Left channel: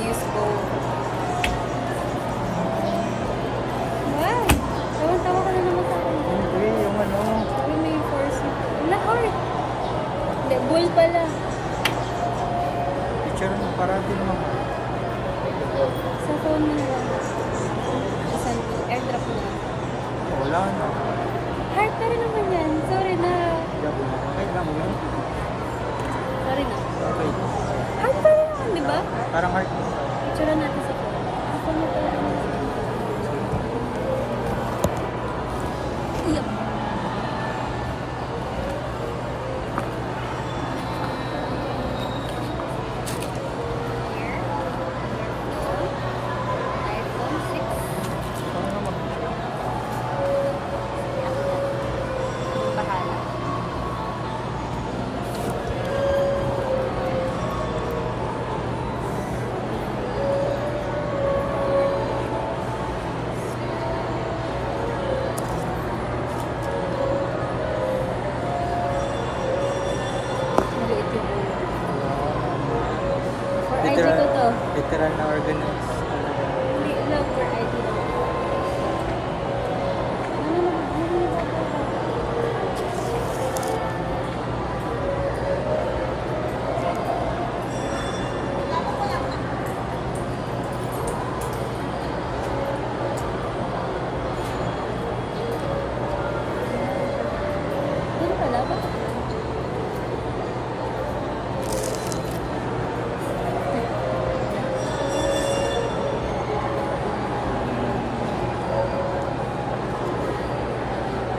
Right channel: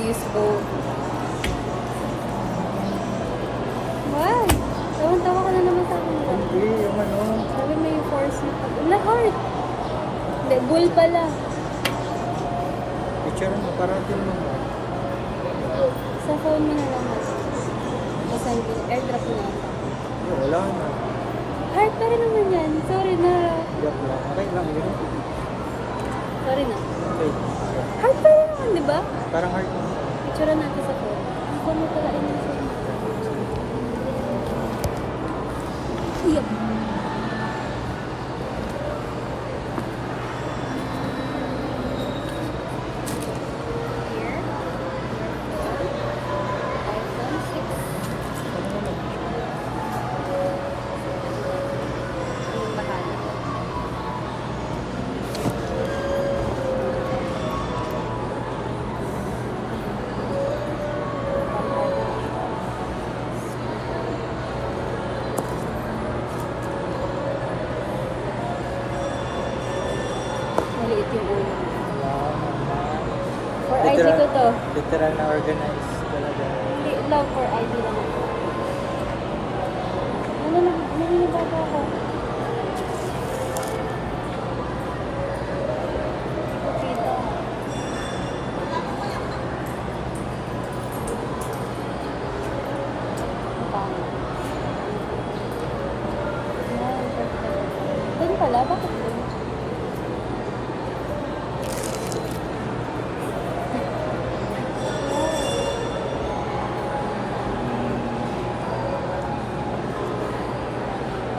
use both. Wow! Tawan-tawa ka na naman sa akin. Hindi, yung ano. Sabi may 4-seat. Wala, heart! Hindi, bull pala. Picturean mo para di naman heart. Sa phone mo na lang, mas. Kasi airdrop mo na lang. Hindi, wala na. Heart pa rin naman yan. Sorry na. Joke lang. Okay lang yun. Sorry na. Okay. Heart pa rin naman, di ba? Parang heart mo. Picture natin sa phone. Ang phone mo pala ay nasa. Yup. Here. Your phone. iPhone 6. Ano naman? Ako na. Anong bahala? Maliit yung ulo. Wala naman. For ID ko to. Literal na organized talaga. Hindi lang, for ID lang. Naninibago ako. Doon pala? Bakit doon?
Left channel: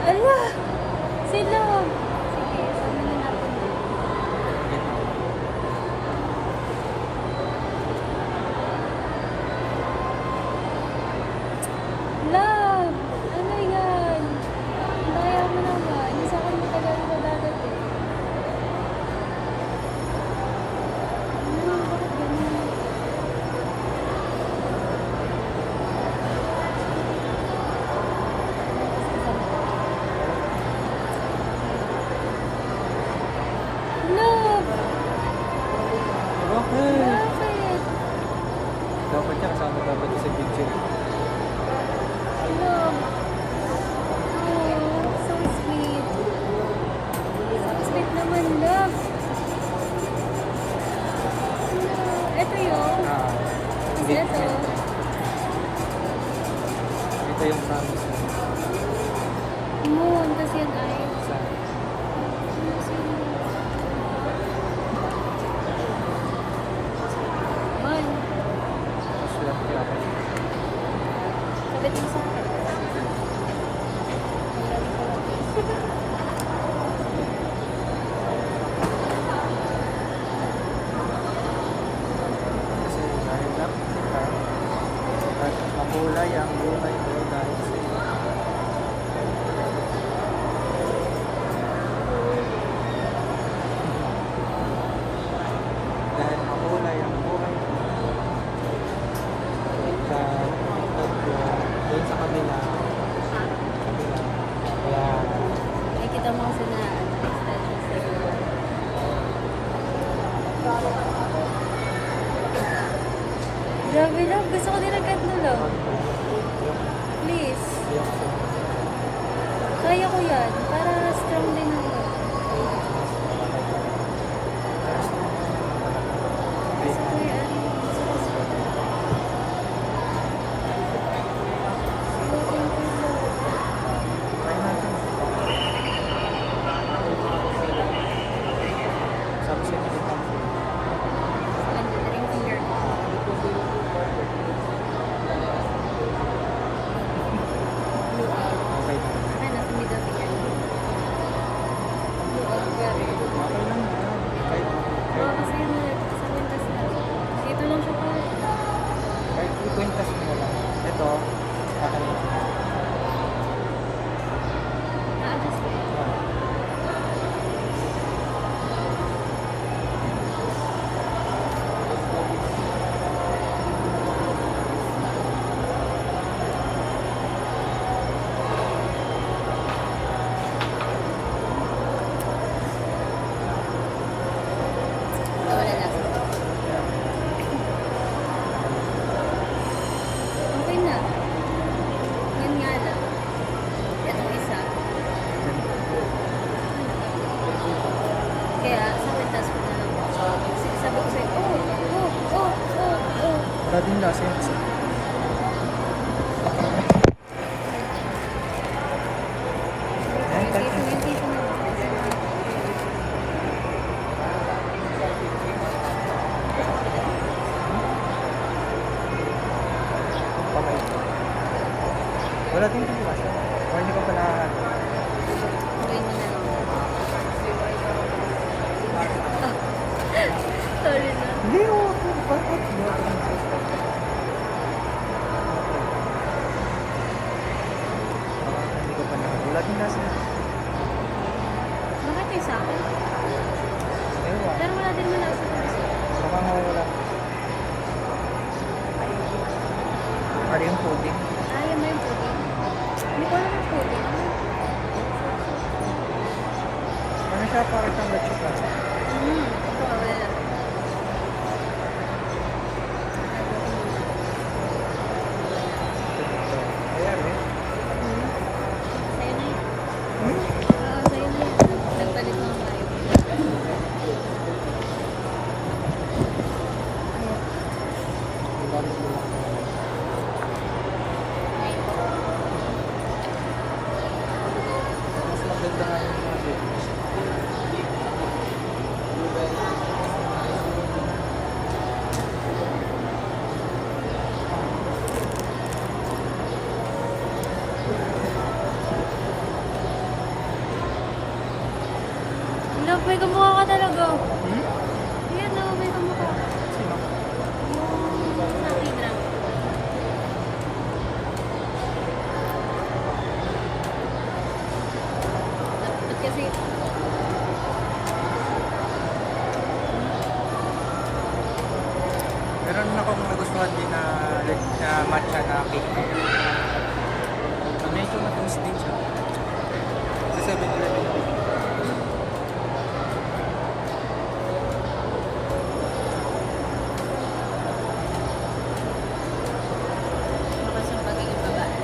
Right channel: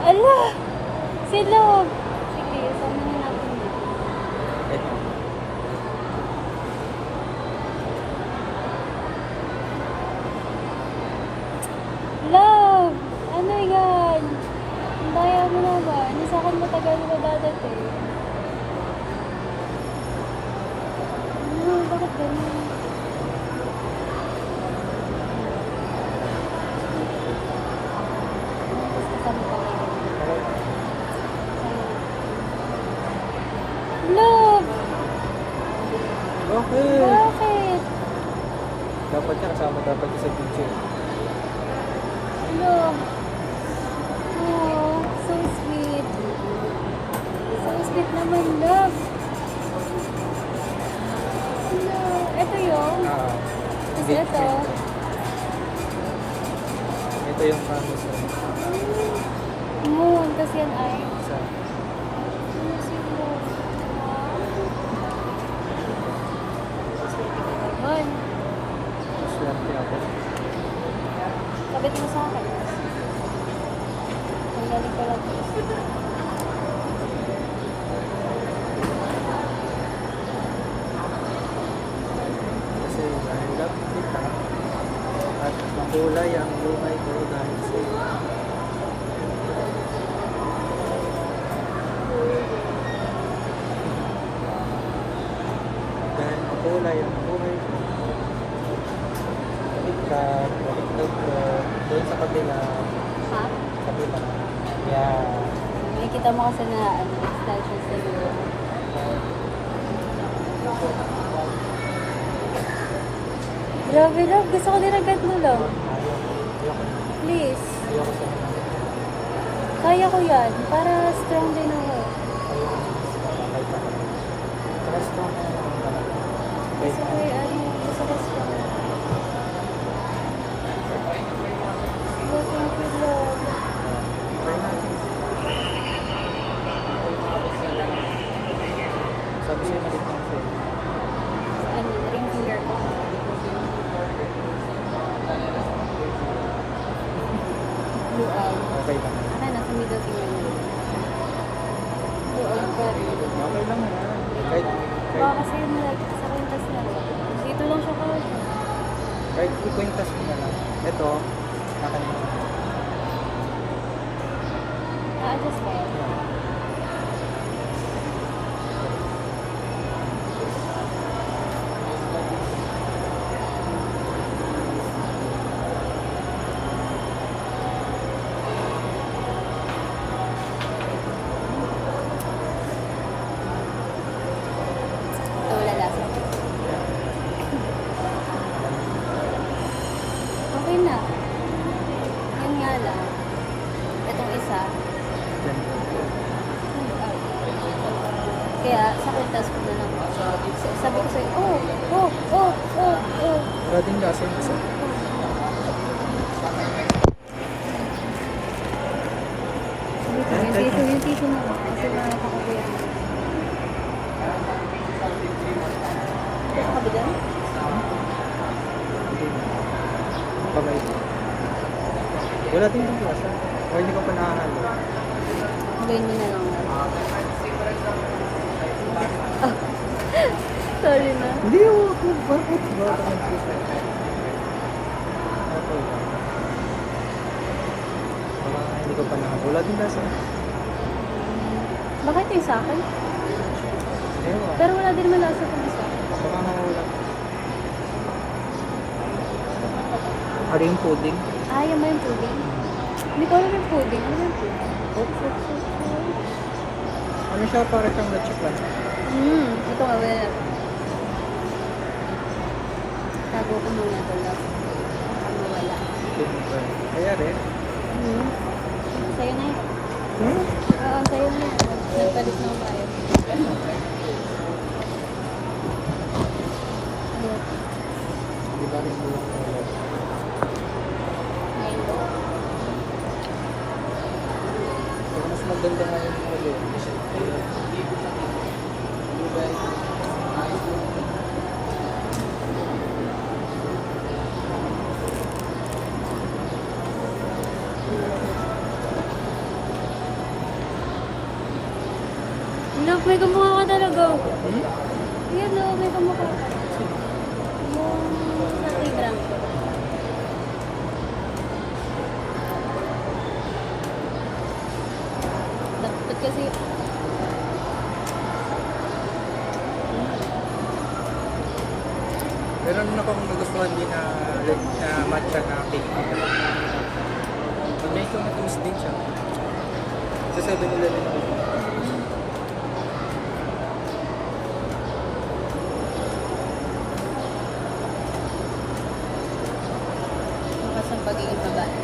Ala! Silog! Sige, sama na natin yun. Wait lang. Love! Ano yan? Ang daya mo naman. Hindi sa akin matagal na dadating. Ano? Bakit ganun? Love! Okay. Bakit? Dapat niya kasama dapat niya sa picture. Love! Oh, so sweet. So sweet naman, love. No, ito yung... Ah. Kasi ito. Ito yung promise. Moon, kasi yan ay... Saan? Ano si Moon? Moon, Mas swerte ako. sabit mo sa akin. Ang galing ko lang. Kasi dahil love kita at makulay ang buhay ko dahil sa iyo. Dahil makulay ang buhay ko. Baliktad ko doon sa kabila. Ha? Kabila. Yan. Nakikita mo kasi na ano, style ko sa iyo. Grabe love, gusto ko din ang ganito love. Ayoko. Please. Ayoko sa mga. Kaya ko yan, para strong din ako. Ayoko sa mas mababay ka. Kahit strong ka naman talaga. Kahit Gusto ko yan, gusto ko strong. Love, thank you love. try natin. Sabi sa'yo malit lang ito eh. Ano, ring finger ko. Blue out. Okay lang. Akin, nasa middle finger niya. Blue out pa rin. Okay lang yan. Kahit, Baka kahit, kasi yun na, sa kwintas na. Dito lang siya kahit. kahit ikwintas mo na lang. Ito, akin mo. Na-adjust ba yan? Yeah. Wala lasa. Yeah. Kaya, sa kwintas ko na lang. Sabi ko sa'yo, oh. Wala din lasa yung isa. Yung tissue mo. Kasi makakakabi yan. Ito sa kabitan? Pamay. Wala din yung lasa. O hindi ko pa nakahalo. Gawin mo na lang. Oh. Sorry na. Hindi, bakit? Bakit nagsusunod? Okay lang. Baka hindi ko pa nakahalo. Wala din lasa. Bakit yung sa akin? Ewan. Pero wala din naman lasa kung isa. Baka mawala. Ano yung pudding? Ah, yan ba yung pudding? Hindi ko alam yung pudding. Ano yung pudding? Ano siya? Para siyang leche plan. Ito nga wala. Sabi ko muna ito. Ano wala. Ayari. Sa'yo na. Hmm? Oo, sa'yo na. Nagpalit lang tayo. Ayan. Di ba rin luwang ng loob? Ngayon ba? Pero mas maganda nga yung mga games. Love, may kamukha ka talaga. Hmm? Yan, no, may kamukha ka. Sino? Yung nakibra. Dapat kasi... Meron akong nagustuhan din na matcha na cake. Medyo matamis din siya. Sa 7-Eleven na rin. Makas ang pagiging babae.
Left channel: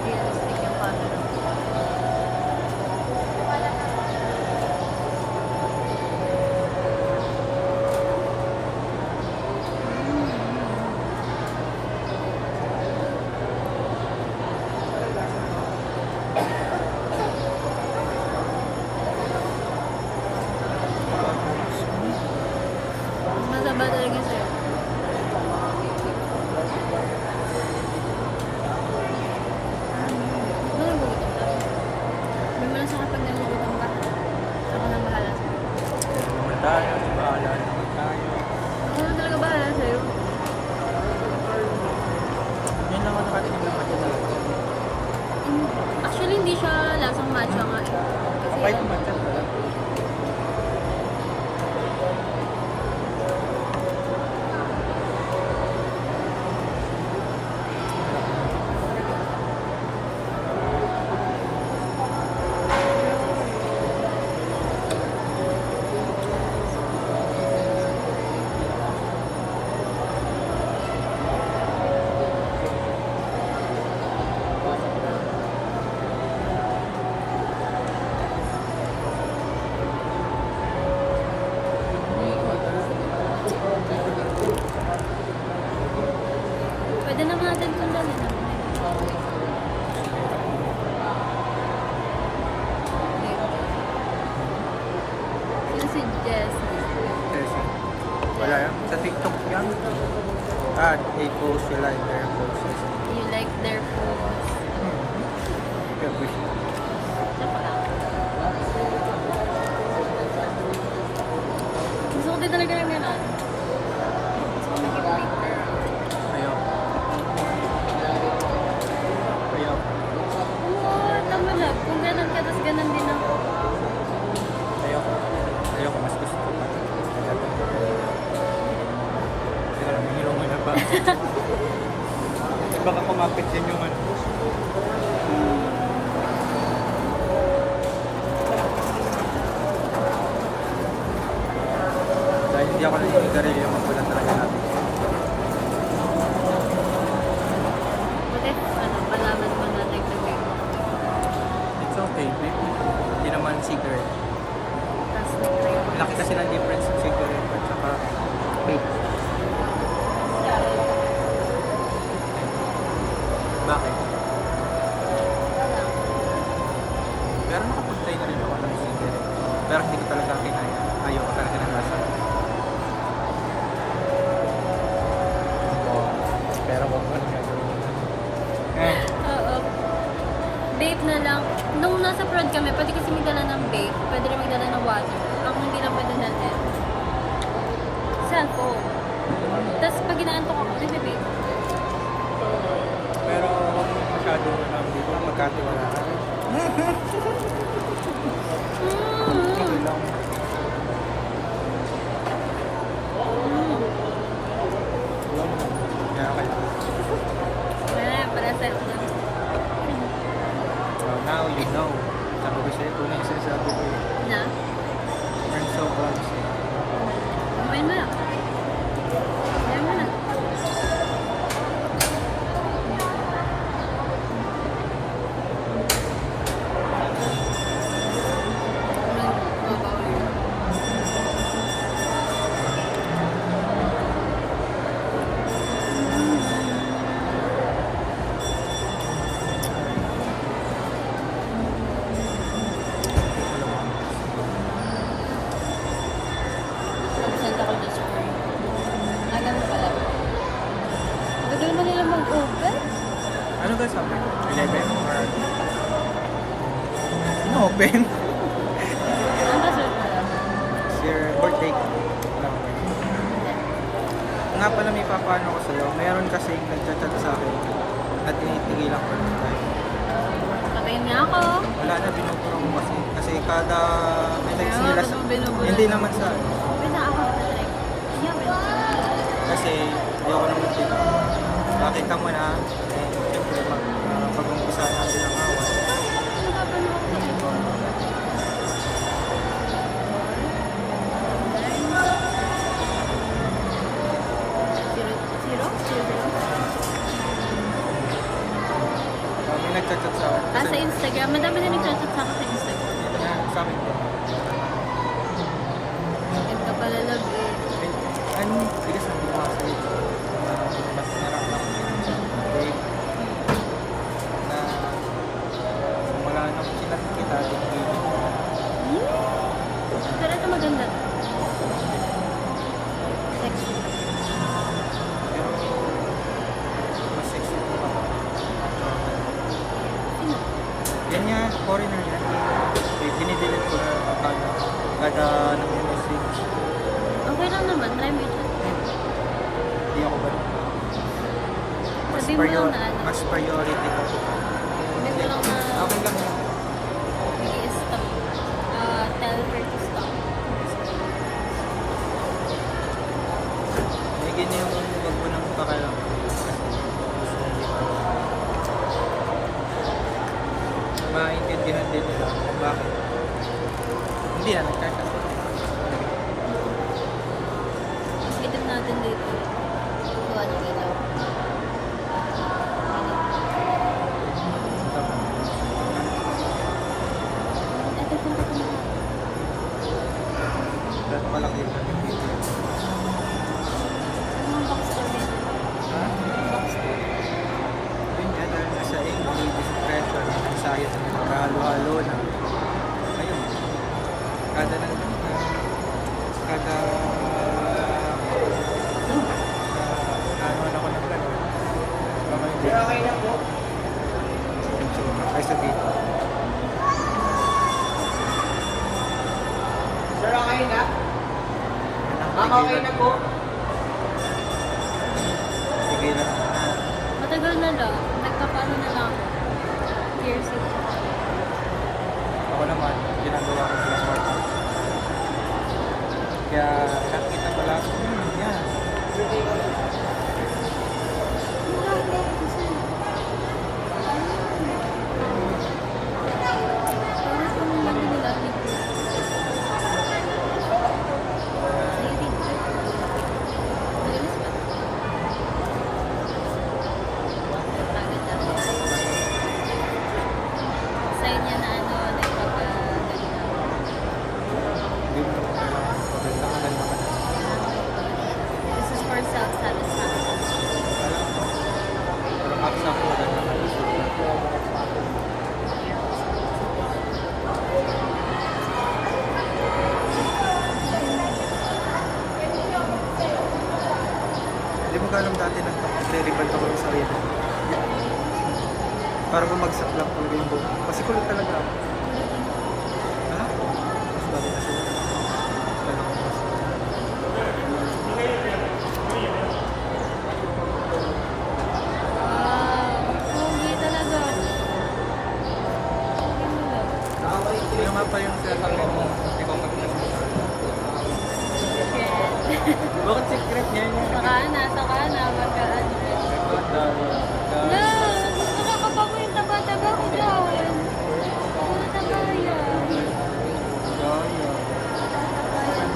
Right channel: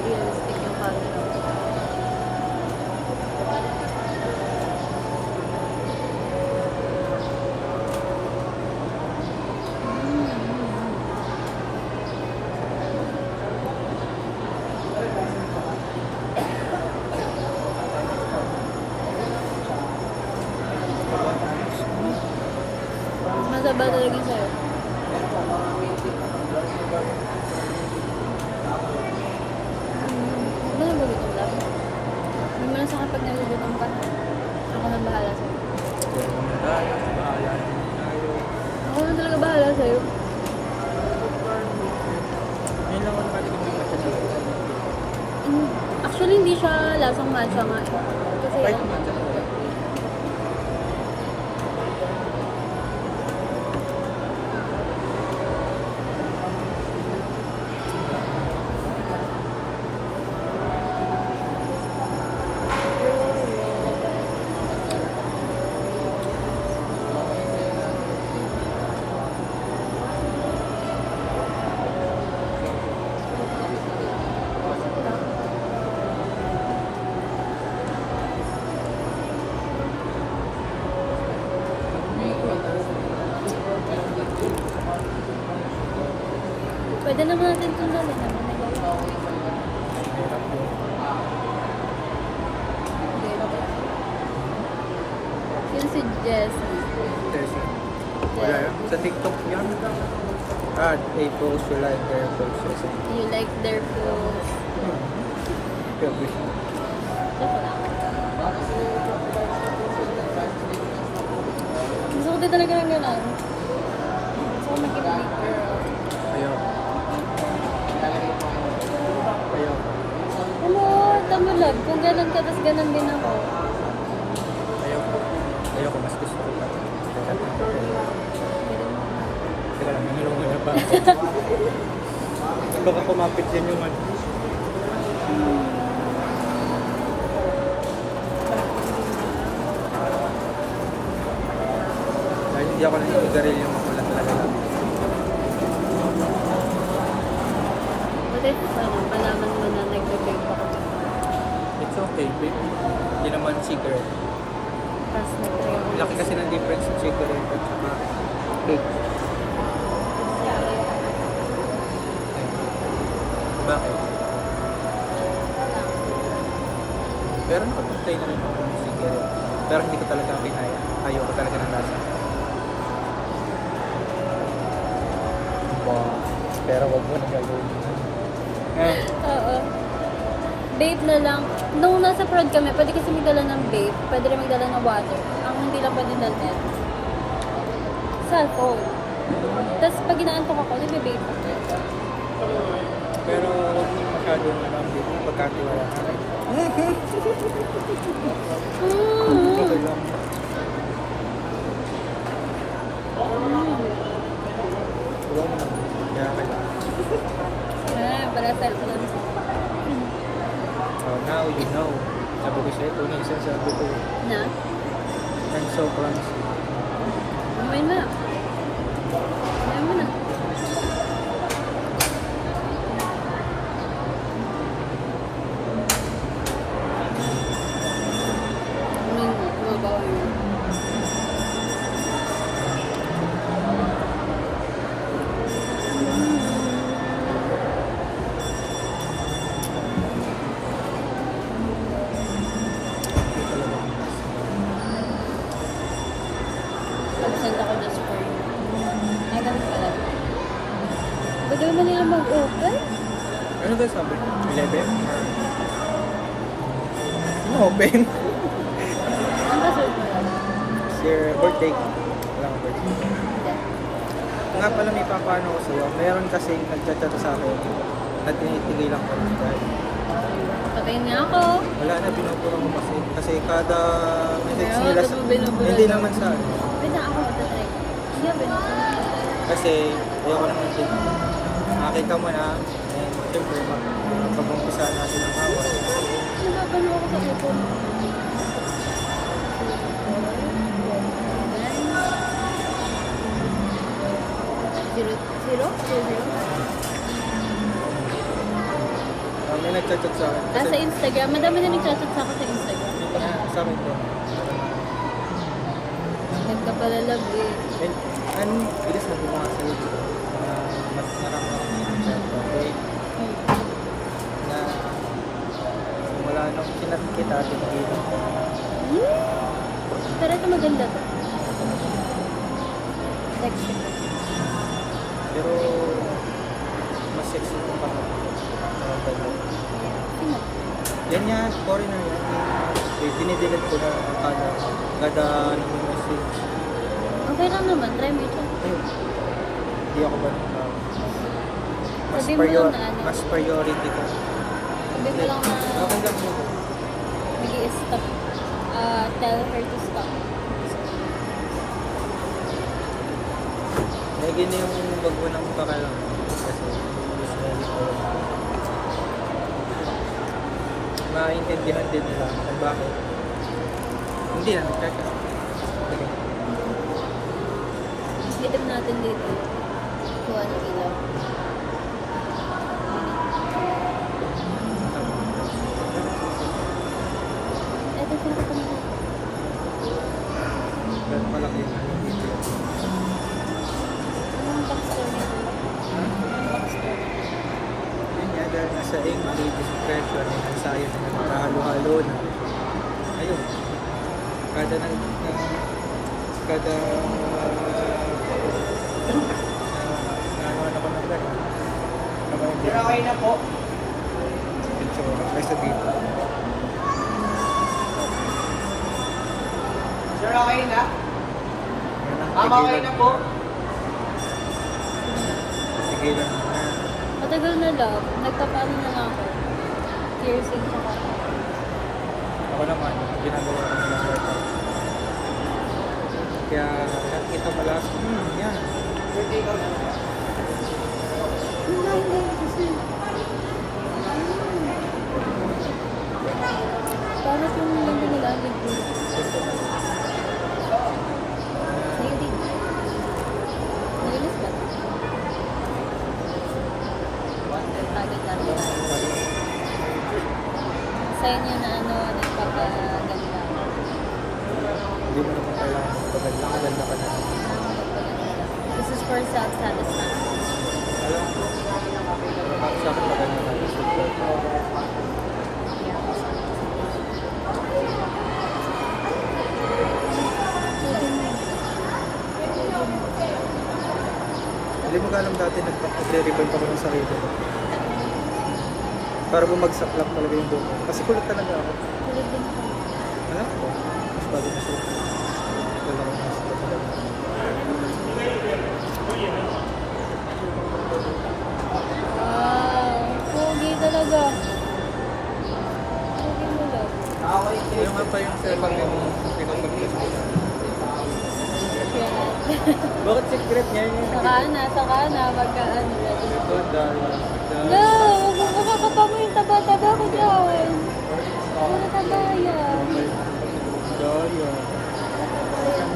Realistic yung camera mo. Masaba talaga sa'yo. Ba nagugutom ka? May malas ka pag nagugutom ka. Ako nang bahala sa'yo. Kaya naman tayo, bahala naman tayo. Ako na talaga bahala sa'yo. Ngayon lang ako nakatikim ng matcha talaga. Actually, hindi siya lasang matcha nga eh. Kasi Kapay yung matcha talaga. pwede naman natin sundalin naman na gano'n. Mahirap mo. Yun si Jessie. Tessie. Wala yan. Sa TikTok yan. They post you like their poses. You like their pose. Kaya wish. Joke lang. Gusto ko din talaga ng gano'n. Gusto ko maging big girl. Ayaw. Ayaw. Ano, tama love. Kung gano'n ka, tas gano'n din ako. Ayoko, mas gusto ko pa. Teka lang, may hilong-hila pa ako. Baka kumapit yan yung ano. Dahil hindi ako naninigarilyo, makulan talaga natin. What if, malaman mo na nagda-vape ako? It's okay, babe. Hindi naman cigarette. Tapos nag-try ako. Laki kasi ng difference sa cigarette at saka vape. Bakit? Pero nakapag-try na rin ako ng cigarette. Pero hindi ko talaga kinaya. Ayoko talaga ng lasa. Pero wag mo na gagawin yun. Oo. Vape na lang. Nung nasa prod kami, pwede kasi magdala ng vape. Pwede rin magdala ng water. Ang hindi lang pwede dalhin. Cellphone. Tapos pag inaantok ako, nag-vape ako. Pero wag mo masyadong dito na pagkatiwalaan. Okay lang. Wala mo naman. Kaya kailangan. Pala cellphone. So now you know. Sabi ko sa'yo, ito na yung sinasabi ko eh. Na? I'm so clumsy. Kumain mo na. Kumain mo na. Kumabaw yun. Nag-send ako just for you. Ganun pala. Gagawin na nila mag-open? Ano ba sabi? 11? Or... open? Ang kasunod mo lang. It's your birthday ko. Wala akong birthday. Nga pala may papaano ko sa'yo. Mayroon kasi nagchat-chat sa akin na tinitigilan ko lang dahil Patayin niya ako. wala na, binubura ko kasi. Kasi kada message Pero, nila ba't mo binubura hindi daw? naman sa ano. Wait na ako, matatry ko. Yeah, binuksan mo. Kasi ayoko naman din. Makita mo na, and syempre pag-umpisa natin ang away. Napapano ako sa iPhone. 4, 9, 0, 0? May nagchat-chat sa akin. Sa Instagram. Madami na nag-chat sa akin sa Instagram. Yun nga, sa akin din. Meron na. Bakit ka pala love eh. Ano, bigas na gumawa sa'yo. Narang ako ng chat dati. Na wala nung sinat kita, tigilan ko. Yeah! Pero ito maganda to. Sexy pa. Pero mas sexy itong kapatid. So, ganda. Sino? Yan nga, foreigner yan. Binidelete ko na kada nag-message. Okay lang naman. Try mo i-chat. Hindi ako ba Sabi mo lang na ano. mas priority ko. Sabi mo lang na Okay lang yun. mag-i-stop. Tell her to stop. Eh, ganyan yung wag mo nang pakalaman. Kasi hindi pa yun. Maintindihan din nila kung bakit. Hindi na nagchat-chat. Itim natin dito. Kuha ng ilaw. Tama. Ito yung kasama na. Dahil malaki yung hanggang dito yan. Ano ang backstory nito? Ha? Backstory. Yun nga, dahil nasa English, disinfection, yung ensayo na nagkahalo-halo na. Ayun. Kada na ano ako ng gano'n. Kamay din. Okay na po. Pintura. Kaysa dito. Sir, okay na? Yan ang Okay tigilan na po. Tigilan na. Matagal na lang. Nagpapaano na lang ako. Piercing sa kata. Ako naman, ginagawa ko na lang workout. Kaya nakikita mo lahat, yan. Para po nung lang din nila ang video. Ito na. Ayun din. Nililis ka? Tagi-tagi. Sa'yo niya na ano, nagpapaganda. Hindi mo naman kailangan magpaganda. Maganda ka na. Kailangan mo magpaganda lang. This is for self-satisfaction. Alam ko. Para para sa akin maganda ka na. Super. Yeah. Hindi mo ka alam dati nagre-reband ako ng sarili. Para bumagsak lang talaga yung buhok ko. Kasi kulot talaga ako. Tulad din ako. Alam ko. Mas bagay na sila. Wala akong masok ko sa laban. Wow! Pogi talaga. Pogi mo lang. Ano nga pa yung sinasabi mong ikaw pagkakas? Secret. Bakit secret niya yun? Saka na, magkaan. Ito, dahil. No! Makakapa mo yung taba-taba ko dyan. Puro taba yan. Daya. Puro taba yan.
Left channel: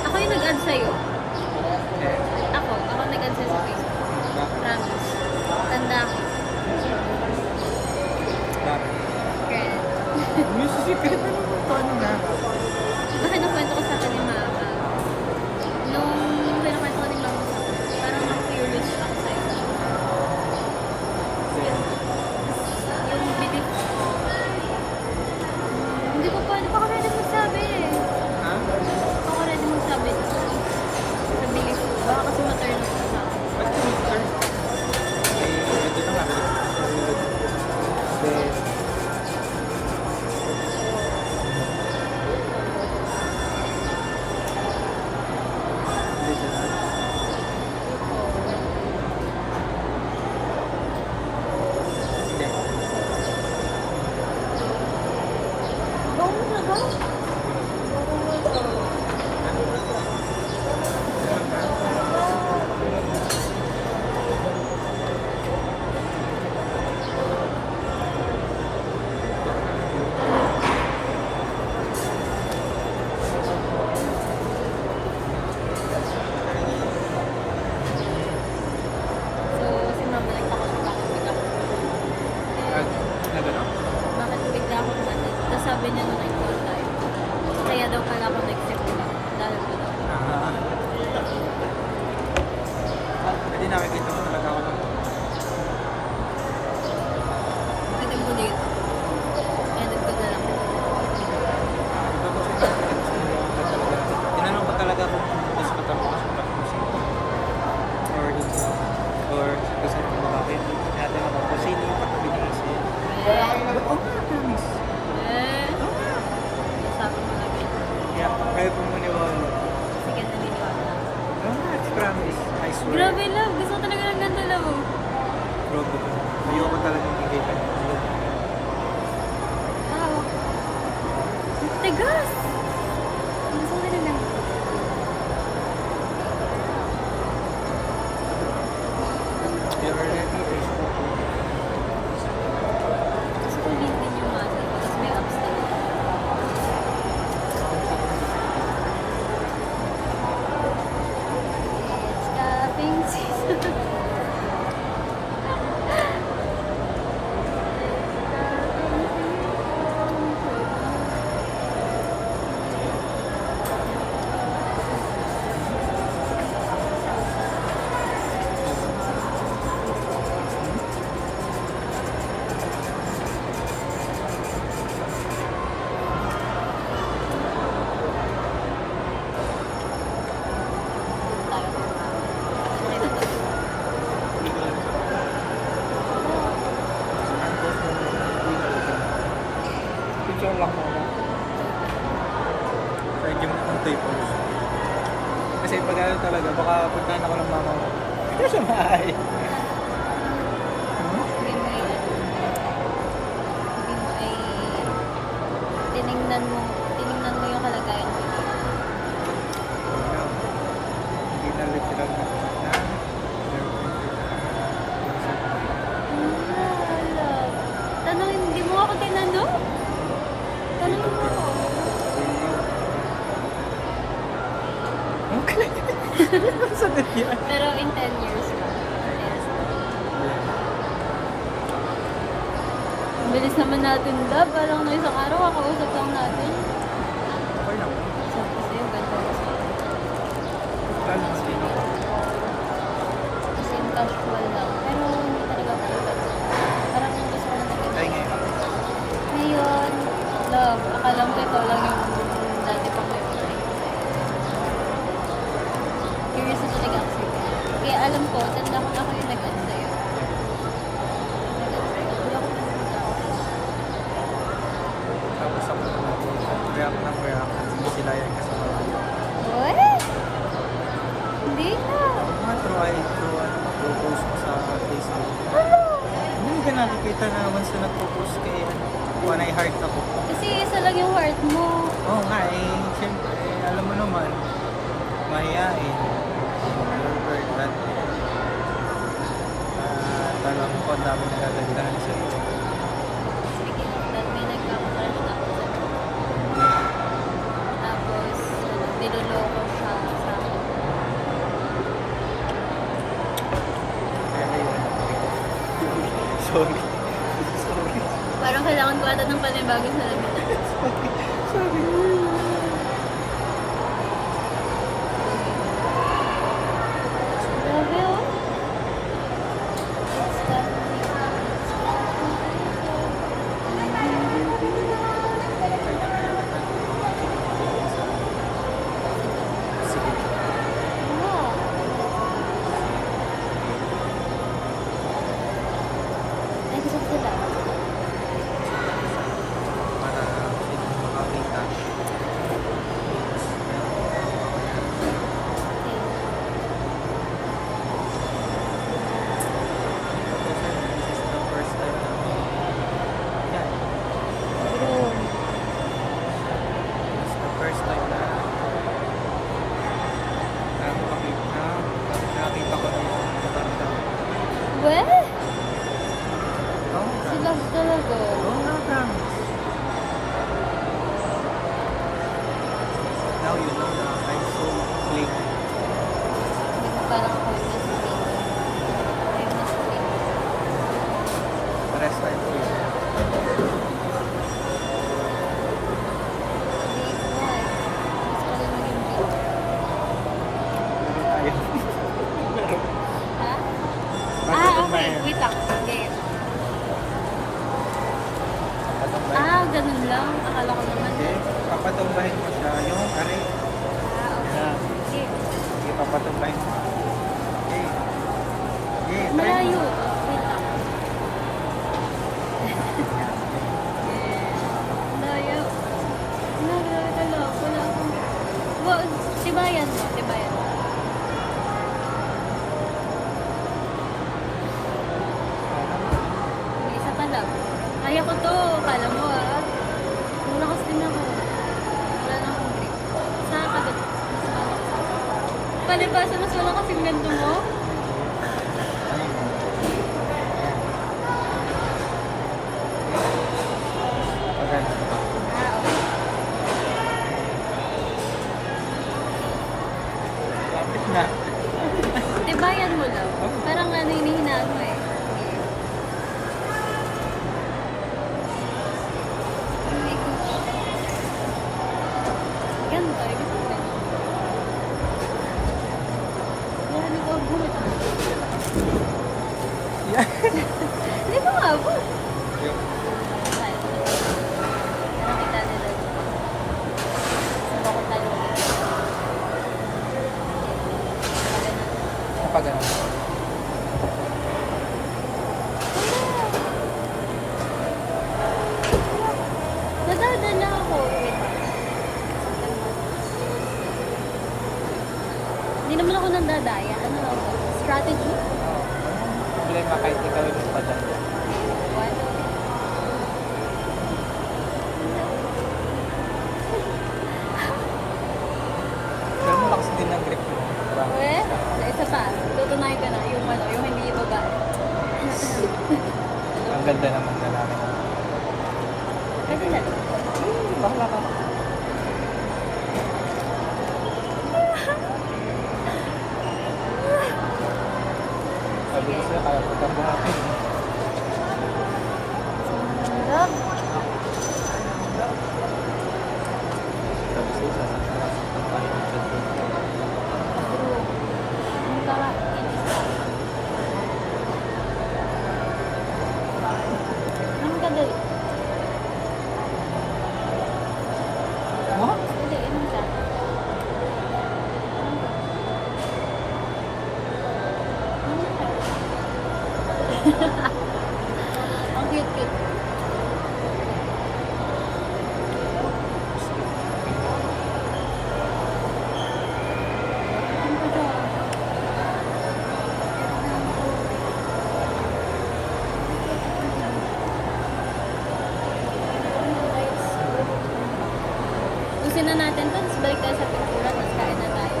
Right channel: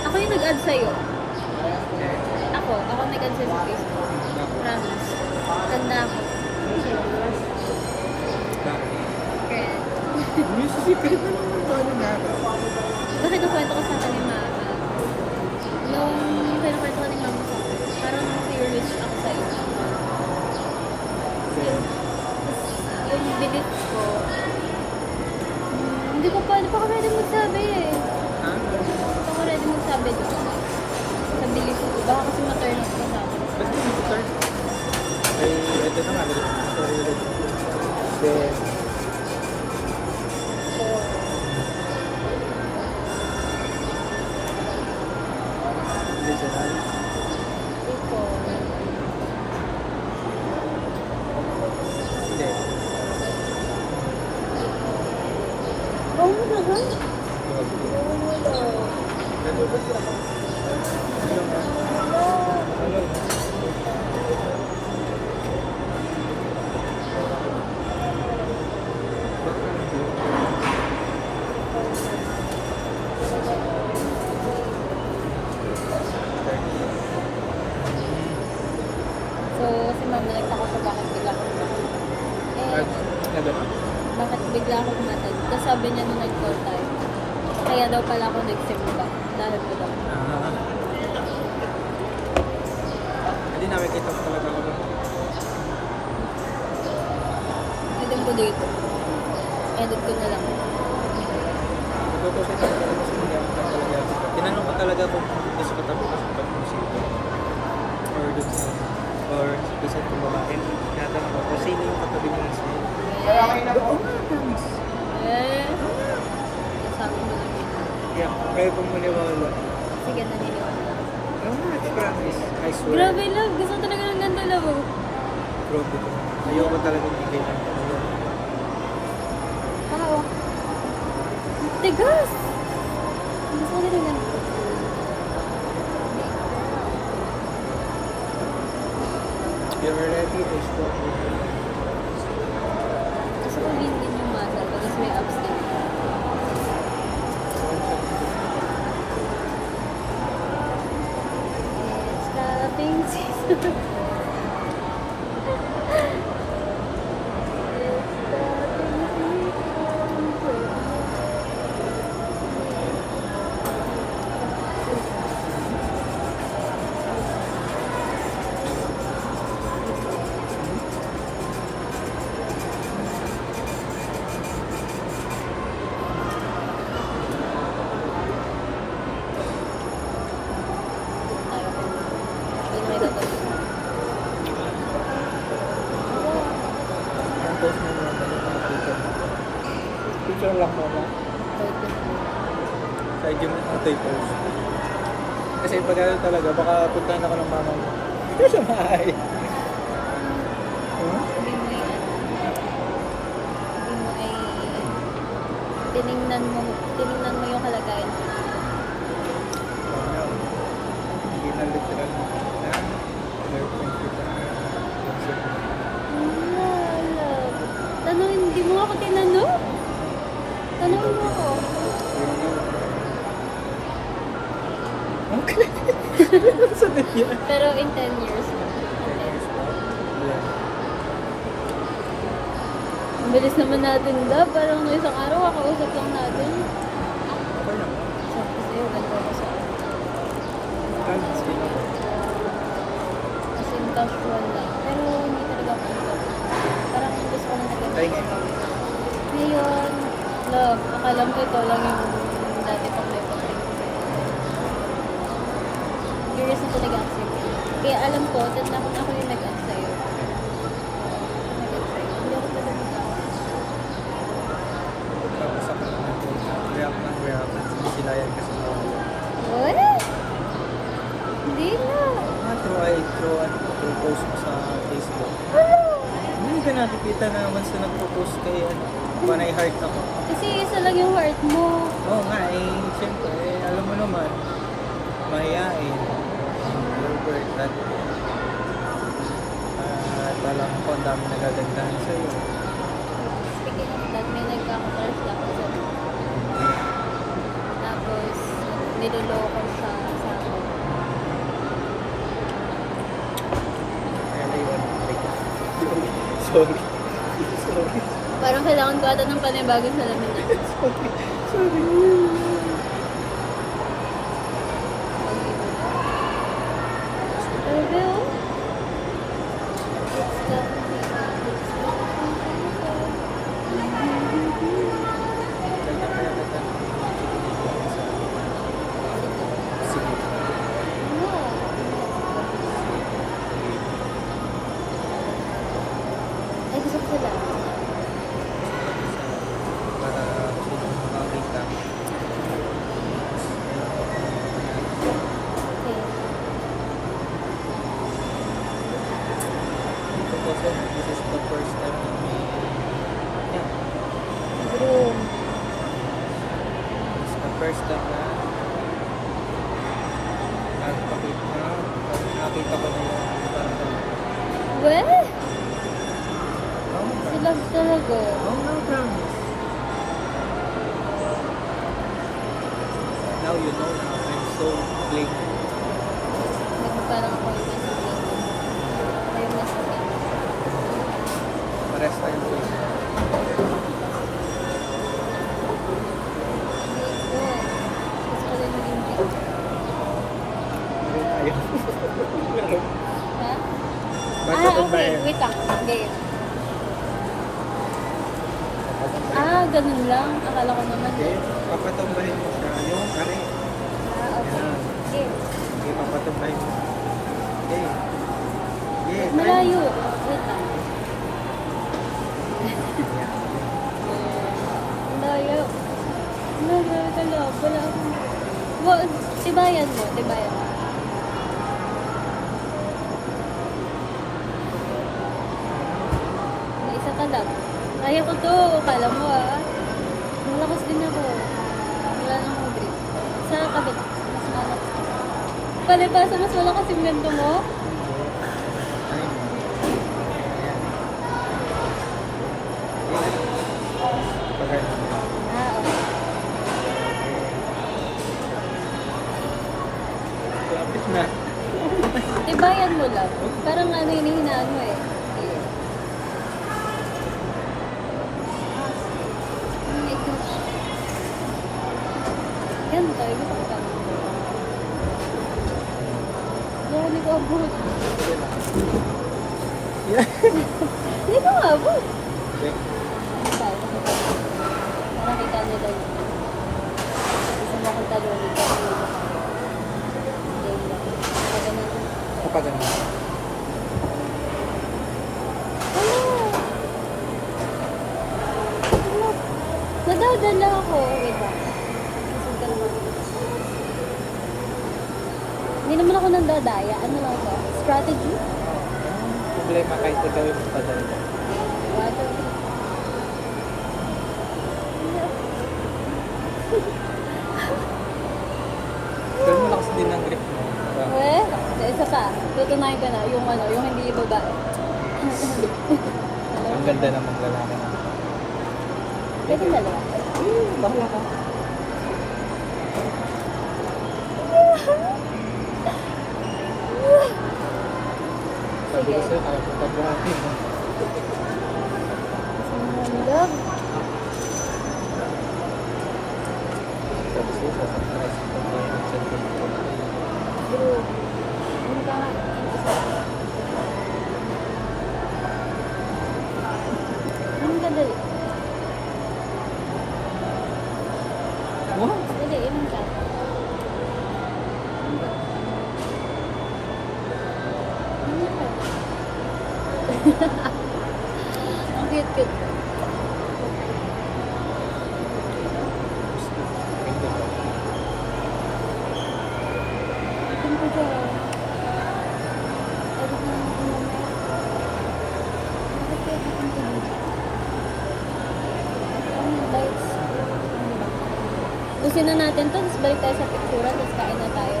Ako yung nag-add sa'yo. Eh, Ako nag-add sa'yo sa Facebook. bakit? Promise. Tanda ako. Bakit? Secret. Yung secret na naman paano nga ba? Diba kinukwento ko sa akin ni Mama? Nung kinukwento ko ni Mama sa akin, parang na-curious ako sa'yo. Yung belief ko, hindi pa ako ready magsabi eh. Ha? Hindi pa ako ready magsabi doon. Sa belief ko. Baka kasi ma-turn off ka sa akin. Ba't ka dito, sir? Eh, ito na nga. Sorry. Then, literal. Before, Hindi. oh mo na ba? Grabe. Oo mo daw. Ano nga? Ano nga? Ano nga? Bakit naman yun? So, si Mama nagtaka sa bakit bigla ako pumatay. Na gano'n? Bakit bigla ako pumatay? Tapos sabi niya nung nag-call tayo, kaya daw pala ako nag-simba. Dahil ko daw. Ah. Hindi nakikita ko talaga ako doon. Edit ko dito. Edit ko na lang. Natutusin ko na talaga. Tinanong ko talaga kung doon sa katabi ko sa pag-musik ko. Or doon sa kung babae. Tinatanong ko kung sino yung katabi ni Isel. Oo nga, promise. Oo nga. Sabi mo lang yun. Yeah, kaya kung maniwala. Sige, naniniwala lang. Oo nga, promise. I swear. Grabe, love. Gusto ko talaga ng ganda, love. Probe ko. Ayoko talagang bigay ng yan. Wow. Tigas! Gusto ko talaga ng ganda. You're ready, I spoke with you. Gusto ko din yung muscle ko, tapos may abs din. It's cupping season. It's cupping season. Tayo kay Mama. Hindi may tatawin. Ang post mo muna yung picture. Picture lang muna. Tawid ko sa mga. Thank you ng tape post. Kasi pag ano talaga, baka puntahan ako ng mama mo. Ikaw sa bahay. Sabi mo ay ano. Sabi mo ay tiningnan mo yung kalagayan ko dito. So now, hindi na literal na girlfriend kita. Love. Tanongin, hindi mo ako tinanong? Tanongin mo ako. Will you? Okay. Sagot yan. Pero in 10 years pa. In 10 years. Ang bilis naman natin, love. Parang no isang araw, kakausap lang natin. Okay lang. Sabi ko sa'yo, ganito ako sa ano. Kala natin ako. Kasi in casual lang. Pero hindi talaga ako in love. Parang gusto ko lang talaga. Ay ngayon. Ngayon, love, akala mo ikaw lang yung dati pang may pag-think ko sa'yo. Curious na talaga ako sa'yo. Kaya alam ko, tanda ko na ako yung nag-add sa'yo. Nag-add sa'yo. Hindi ako pwede mag-add. Tapos ako lang react ng react. Hindi sila yan kasi malayo. What? Hindi nga. Through post mo sa Facebook. Ano? Hindi ka nakikita na once na nagpo-post kay panay heart ako. Kasi isa lang yung heart mo. Oo nga siyempre, alam mo naman, mahihain. Albert, at talang ko ang dami nagagandahan sa'yo. Speaking of that, may nagkaka-crush ako sa tapos, niloloko siya sa akin. Kaya na yun. Sorry. Sorry. Parang kailangan ko ata ng panibagong salamin na. Sorry. Grabe oh. It's something. Kaya kita sige. Ano? Ay, gusto ko sila. Para kung makakita. Okay. Kasi this is the first time namin yan. Groom. It's the first time na nakita ko na yung parang talaga. Well, Oo nga. sila talaga. Oo nga, promise. Now you know na I'm so clingy. Parang ako yung mas clean. Ay, mas clean. Pares tayo ko yun. Big boy. Gusto ko din maging big. Meron tayo. Ha? Bakit Ah, itong okay. bayan? Wait lang. Ganyan. Papatumbahin. Ah, ganun lang. Akala ko naman. Okay. Papatumbahin mo siya. Yung are. Ah, okay. Yan. Okay. Okay, papatumbahin mo. Okay. Okay, try mo. Malayo. Wait lang. Yan. Malayo. Ano, grabe ka love. Wala akong... Well, tibayan mo. Tibayan mo. May isa ka lang. Kaya ko to. Kala mo ah. Malakas din ako. Wala na akong grip. Sa kabila. Mas malakas ako. Palibasa, mas wala kasing ganito mo. Ayun. Ayan. Pag ganun. Ah, okay. Lapit na. Tibayan mo lang. Parang ano hinihinaan mo eh. Oh my gosh. Ganito, hindi pa ko ganito. Yan, hindi ko abot. Sige lang. Yeah. Hindi ko abot. Okay. Ano tayo? Pakita mo. Para kita nila. Gusto mo akong talunin. Pero hindi ko kaya. Sabi na. Kapag ganun. Wala. Wala. Nadadala ako. Wait lang. Punta naman. Hindi naman ako nandadaya. Ano lang ba? Strategy? Oo. Problema kahit ikaw yung padala. What? Pero malakas din ang grip mo. Eh, isa pa. Tutunayan ka na. Yung ano, yung hindi ibaba. Hello? Ang ganda ng maglalaki niya. Pwede dalawa. Bahala ka. Sabi ko sa'yo, kaya ko tabuhatin. Love. Sabi sa'yo, sasaktan tayo ng cellphone ko. Bro. Ano ka nga? Isa. Ano ka dali? What? Dali, inom ka. Inom ka. Inom ka. Ang cute-cute. Inom ka dyan. Edit na naman ko mamaya. Bakit kaya itin ko dito? Ano yung lights? Ano ba? Busin na natin to, tapos balik tayo sa picture, tapos kain na tayo.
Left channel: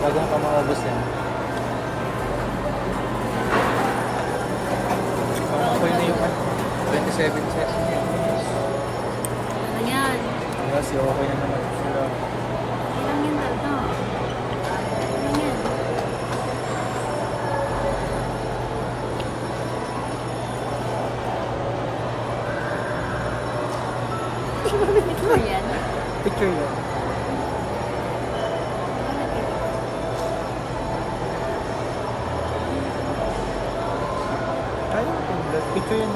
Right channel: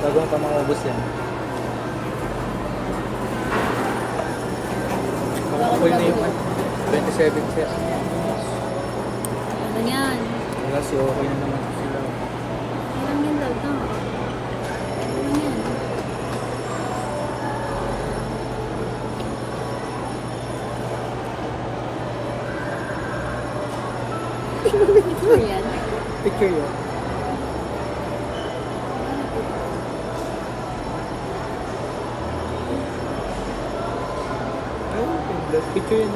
Bago mo pa maubos yan. Pang-apoy na yung 27 sets. Ano yan? Kasi okay na naman sila. Ilang yan daw to? Ilang yan? Hindi mo picture yan? Picture yan. Ay, okay. Picture yan.